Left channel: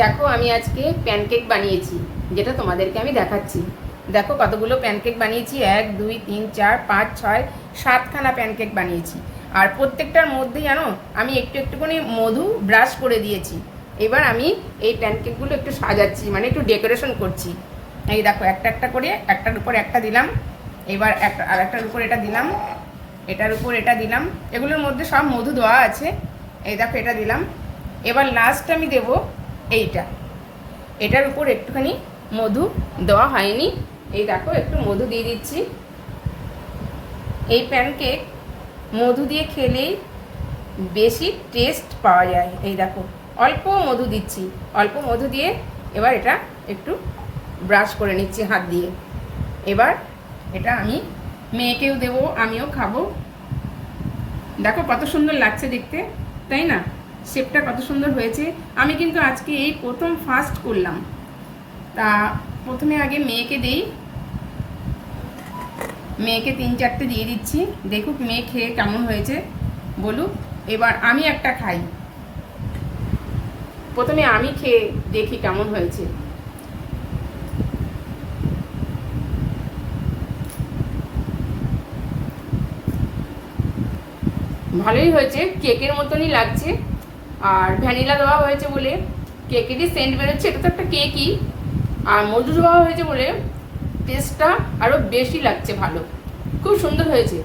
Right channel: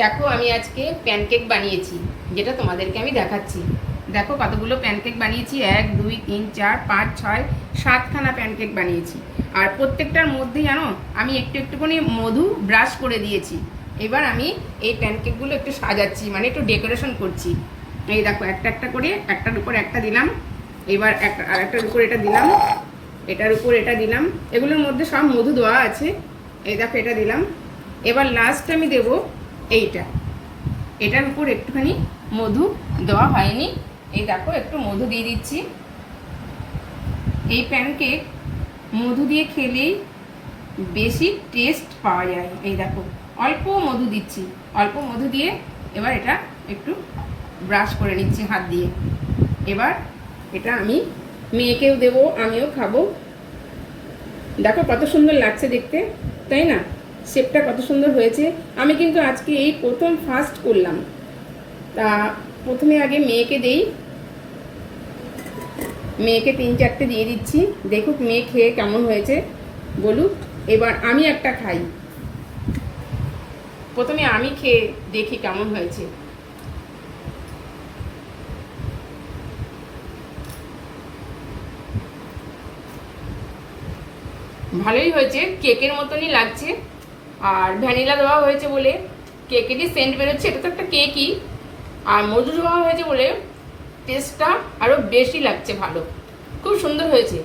দেখো আমি আজকে প্যানকেক বানিয়েছি, যেটা তোমাদেরকে আমি দেখাচ্ছি। দেখো কতগুলো প্যানকেক বানিয়েছি, 1 2 3 4 5 6 7খানা প্যানকেক বানিয়েছি। আর প্রত্যেকটার মধ্যে জানো আমি একটু একটুখানি মধু ব্রাশ করে দিয়েছি। এবার আমি এই প্যানকেকগুলো একটু সাজাচ্ছি, মানে একটু ডেকোরেশন করছি। এই দেখো একটা একটা করে, একটার উপর একটা দিলাম, এবার আরেকটার উপর এটা দিলাম, এটার উপর এটা দিলাম। এগুলোর মধ্যে সব মধু দেওয়া আছে। এই দেখো এটা দিলাম। এবার লাস্টে আমি দেবো এইটা, এটার উপর একটুখানি মধু দেওয়া হয়নি। এই দেখো একটু মধু দিয়ে দিচ্ছি। এই প্যানকেক মধু দিয়ে খেলেই বেশি টেস্ট পাওয়া যায়। এই দেখো অল্প মধু দিচ্ছি, অল্প মধু দিয়ে এবার এটা একটু ব্রাশ করে নিচ্ছি হাত দিয়ে। এবার এটা আমি মেয়েকেও দেবো, আমিও খাবো। দেখো কত সুন্দর লাগছে দেখতে, তাই না? শেপটা কত সুন্দর হয়েছে। আমি কিন্তু আজকে এই প্রথম ফার্স্ট করলাম। তা প্রথমে আগে মেয়েকে দেই, মেয়েকে 3-4টে দিয়ে দিচ্ছি, দেখুক মেয়ে খেয়ে কেমন হয়েছে বলুক। এবার আমি একটা খাই, প্রথমে আমি খেয়ে দেখি কেমন হয়েছে। ভালোই হয়েছে, কেকের মতনই লাগছে। আর ভ্যানিলা দেওয়া হয়েছে বলে কেকেরই সেন্ট বেরোচ্ছে, এটা তো একটা কেকই। আর মধু দেওয়া হয়েছে বলে টেস্টটা আরও বেশি লাগছে, ভালো, খুব সুন্দর হয়েছে।